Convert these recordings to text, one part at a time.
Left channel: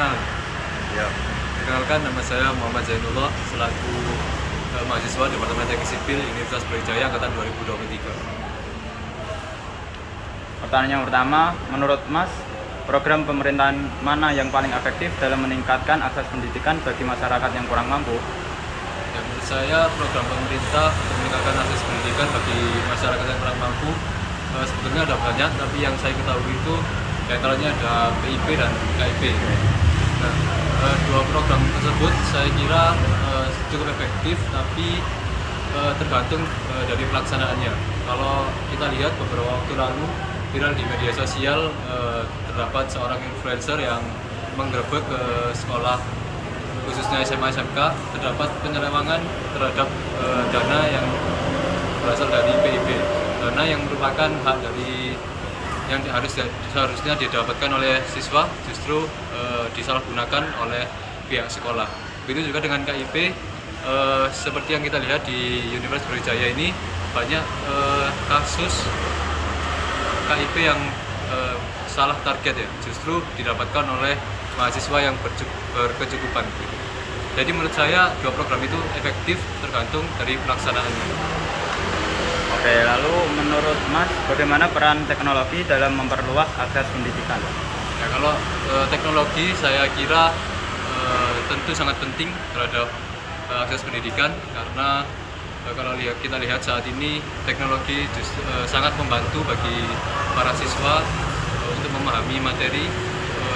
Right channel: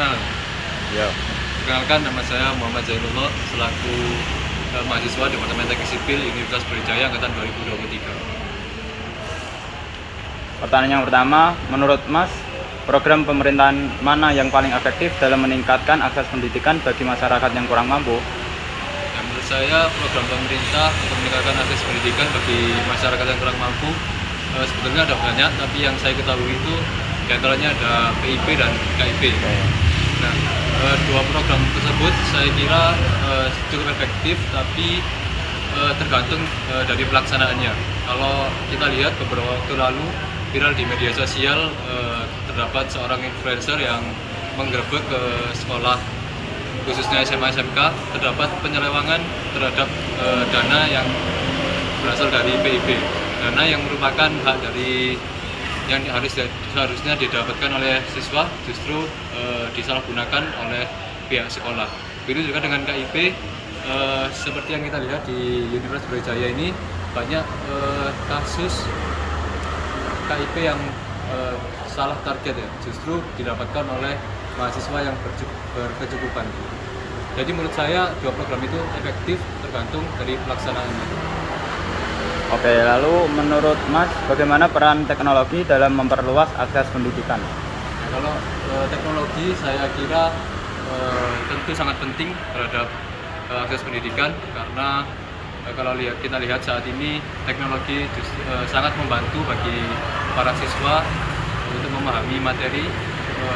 Perkenalan. Ya. Perkenalkan, nama saya Muhammad Zainullah selaku mahasiswa Departemen Teknik Sipil Universitas Brawijaya angkatan 2023. Pertanyaan yang pertama, menurut Mas, program pemerintahan mana yang paling efektif dalam meningkatkan akses pendidikan bagi masyarakat yang kurang mampu? Ya, menurut saya program pemerintah untuk meningkatkan akses pendidikan bagi masyarakat yang kurang mampu sebetulnya ada banyak, tapi yang saya ketahui itu diantaranya ada PIP dan KIP. Nah, dua program tersebut saya kira cukup efektif, tapi tergantung dari pelaksanaannya. Kalau kita lihat beberapa waktu lalu viral di media sosial, terdapat seorang influencer yang menggerebek ke sekolah khususnya SMA SMK, terdapat penyelewangan terhadap dana yang berasal dari PIB, dana yang merupakan hak dari yang seharusnya didapatkan oleh siswa justru disalahgunakan oleh pihak sekolah. Begitu juga dengan KIP, seperti yang kita lihat di Universitas Brawijaya ini banyak kasus KIP yang salah target ya, justru didapatkan oleh mahasiswa yang berkecukupan. Jadi menurut saya dua program itu efektif tergantung dari pelaksanaannya. Oke, lalu menurut Mas, bagaimana peran teknologi dalam memperluas akses pendidikan? Ya, kalau teknologi saya kira tentu sangat penting terhadap akses pendidikan, karena kalau kita lihat saat ini teknologi sangat membantu bagi para siswa untuk memahami materi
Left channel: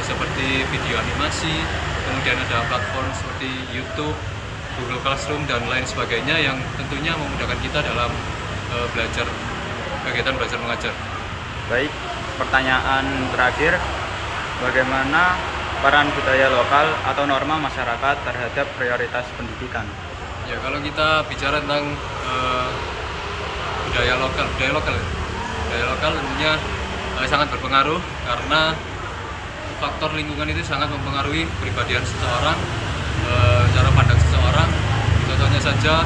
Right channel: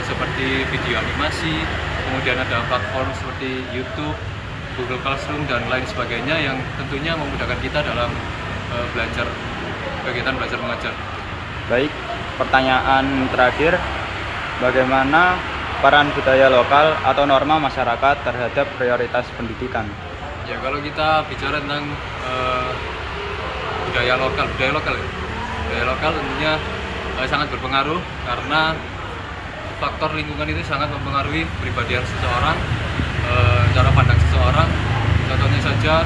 seperti video animasi, kemudian ada platform seperti YouTube, Google Classroom dan lain sebagainya yang tentunya memudahkan kita dalam kegiatan belajar mengajar. Baik, pertanyaan terakhir, bagaimana peran budaya lokal atau norma masyarakat terhadap prioritas pendidikan? Ya, kalau kita bicara tentang budaya lokal tentunya sangat berpengaruh, karena faktor lingkungan itu sangat mempengaruhi kepribadian seseorang, cara pandang seseorang. Contohnya saja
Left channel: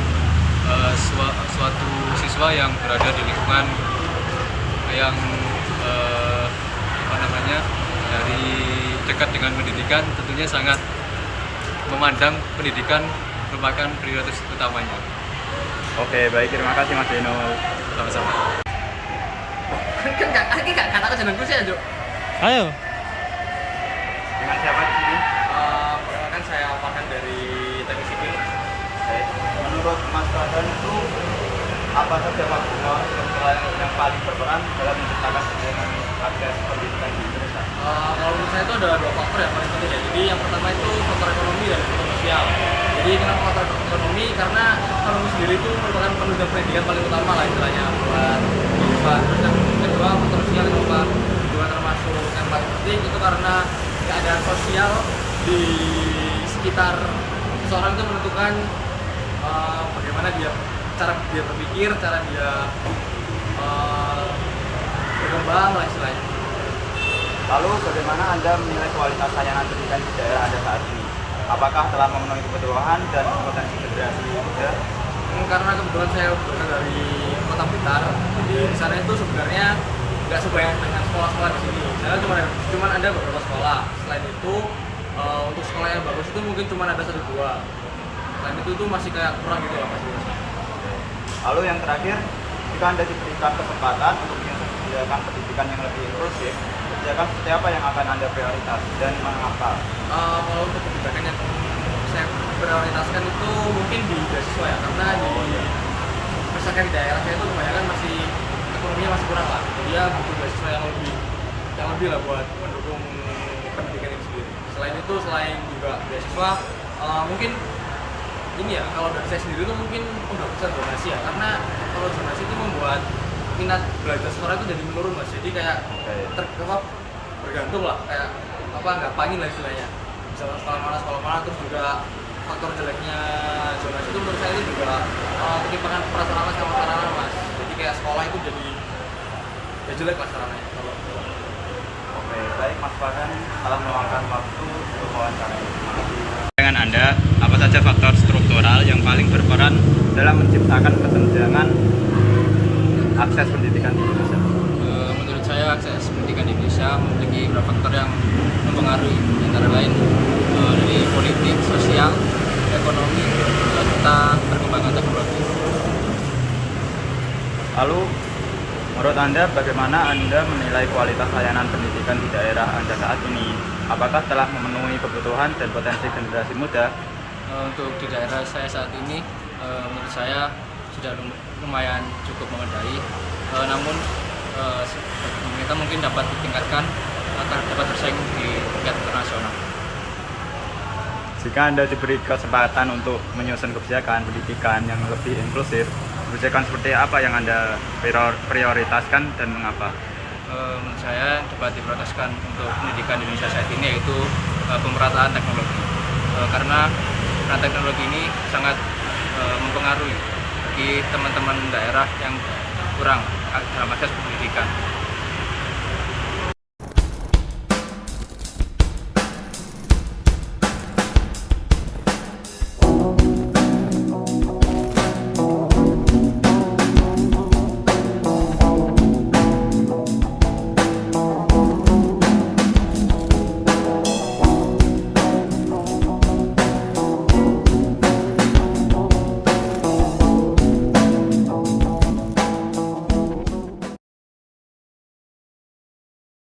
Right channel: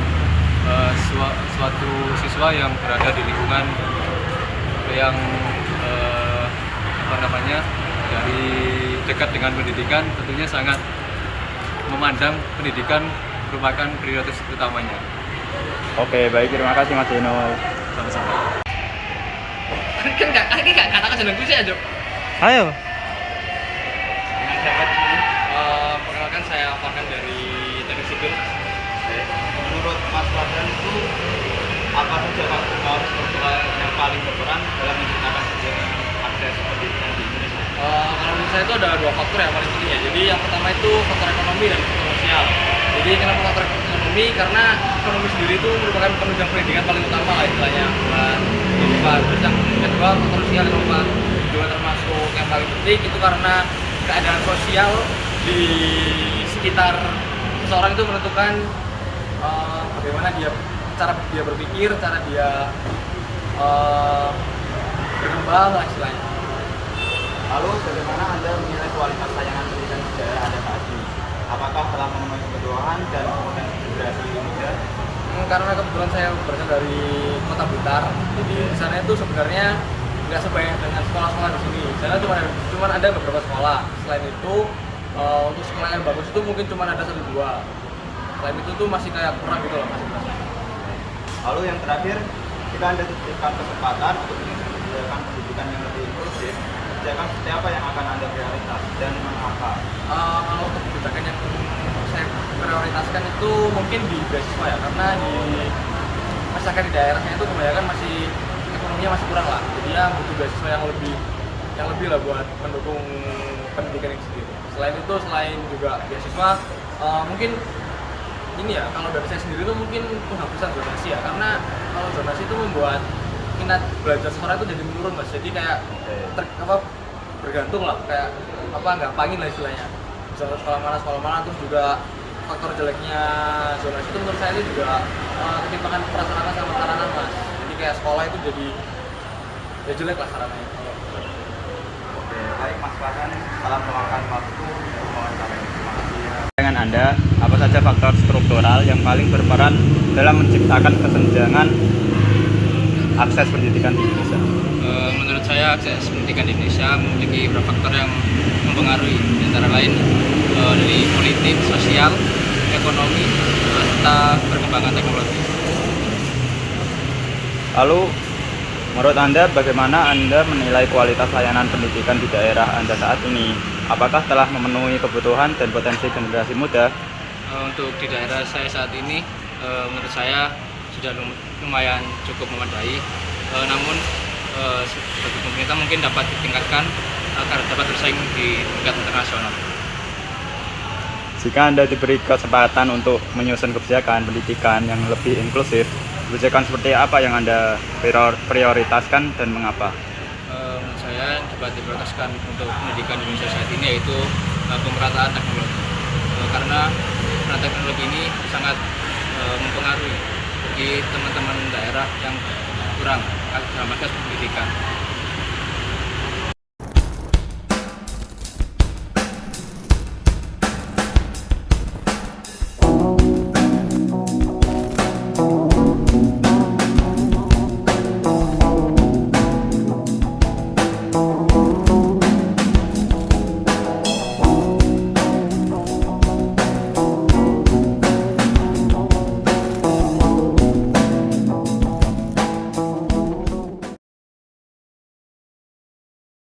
suatu siswa yang berada di lingkungan yang dari dekat dengan pendidikan tentunya sangat memandang pendidikan merupakan prioritas utamanya. Oke, baik, terima kasih Mas Dino. Sama-sama. Kan gak katakan jenengku sih aja. Ayo. Dengan siapa ini? Perkenalkan, saya Farhan dari Teknik Sipil. Menurut Mas Farhan itu apa saja faktor struktural yang paling berperan dalam menciptakan kesenjangan akses pendidikan di Indonesia? Kalau menurut saya itu ada dua faktor yang paling penting ya. Jadi yang pertama itu faktor ekonomi dan faktor sosial. Jadi kenapa faktor ekonomi? Karena ekonomi sendiri itu merupakan penunjang pendidikan paling utama lah istilahnya buat kehidupan. Terus yang kedua faktor sosial, kenapa juga termasuk yang paling penting itu karena keadaan sosial di sekitar seseorang itu menentukan bagaimana cara dia berpikir, cara dia berkembang lah istilahnya. Lalu bagaimana Anda menilai kualitas layanan pendidikan di daerah Anda saat ini? Apakah telah memenuhi kebutuhan dan potensi generasi muda? Karena kebetulan saya berasal dari Kota Blitar, jadi di sana itu sebenarnya nggak sebanyak dengan sekolah-sekolah di sini. Di sana cuma ada beberapa sekolah. Selain itu untuk sekolah yang bagus itu mungkin cuma ada 1-2. Selain itu tuh masih kayak kurang gitu lah fasilitasnya. Lalu yang terakhir, jika Anda diberikan kesempatan untuk menyediakan pendidikan yang lebih inklusif, kebijakan seperti apa yang akan Anda prioritas dan mengapa? Kalau untuk kebijakan yang saya prioritaskan itu mungkin di beasiswa ya, karena masyarakat di daerah saya itu kebanyakan masih ekonominya masih kurang lah. Jadi ya butuh beasiswa yang lebih lah buat mendukung pendidikan ini sendiri. Selain juga beasiswa, mungkin ini ya, kalau dari saya sendiri itu mungkin penghapusan zonasi ya, karena kalau zonasi itu membuat minat belajar sekolah itu jadi menurun Mas. Jadi kayak bergantung lah, kayak gampangin lah istilahnya. Bisa sekolah mana, terus juga faktor jeleknya zonasi itu menurut saya itu juga ketimpangan prasarana sama sarana Mas. Jadi kayak sekolah itu jadi ya jelek lah sarananya kalau zonasi itu. Oke, baik Mas Farhan, telah meluangkan waktu untuk wawancara ini. Terima kasih. Dengan Anda, apa saja faktor struktural yang paling berperan dalam menciptakan kesenjangan akses pendidikan di Indonesia? Menurut Menurut saya akses pendidikan di Indonesia memiliki beberapa faktor yang mempengaruhi, antara lain dari politik, sosial, ekonomi, serta perkembangan teknologi. Lalu, menurut Anda bagaimana Anda menilai kualitas layanan pendidikan di daerah Anda saat ini? Apakah telah memenuhi kebutuhan dan potensi generasi muda? Untuk di daerah saya saat ini, menurut saya sudah lumayan cukup memadai. Namun bagi pemerintah mungkin dapat ditingkatkan agar dapat bersaing di tingkat internasional. Jika Anda diberi kesempatan untuk menyusun kebijakan pendidikan yang lebih inklusif, kebijakan seperti apa yang Anda prioritaskan dan mengapa? Menurut saya dapat diprioritaskan untuk pendidikan di Indonesia saat ini yaitu pemerataan teknologi. Karena peran teknologi ini sangat mempengaruhi bagi teman-teman daerah yang kurang dalam akses pendidikan.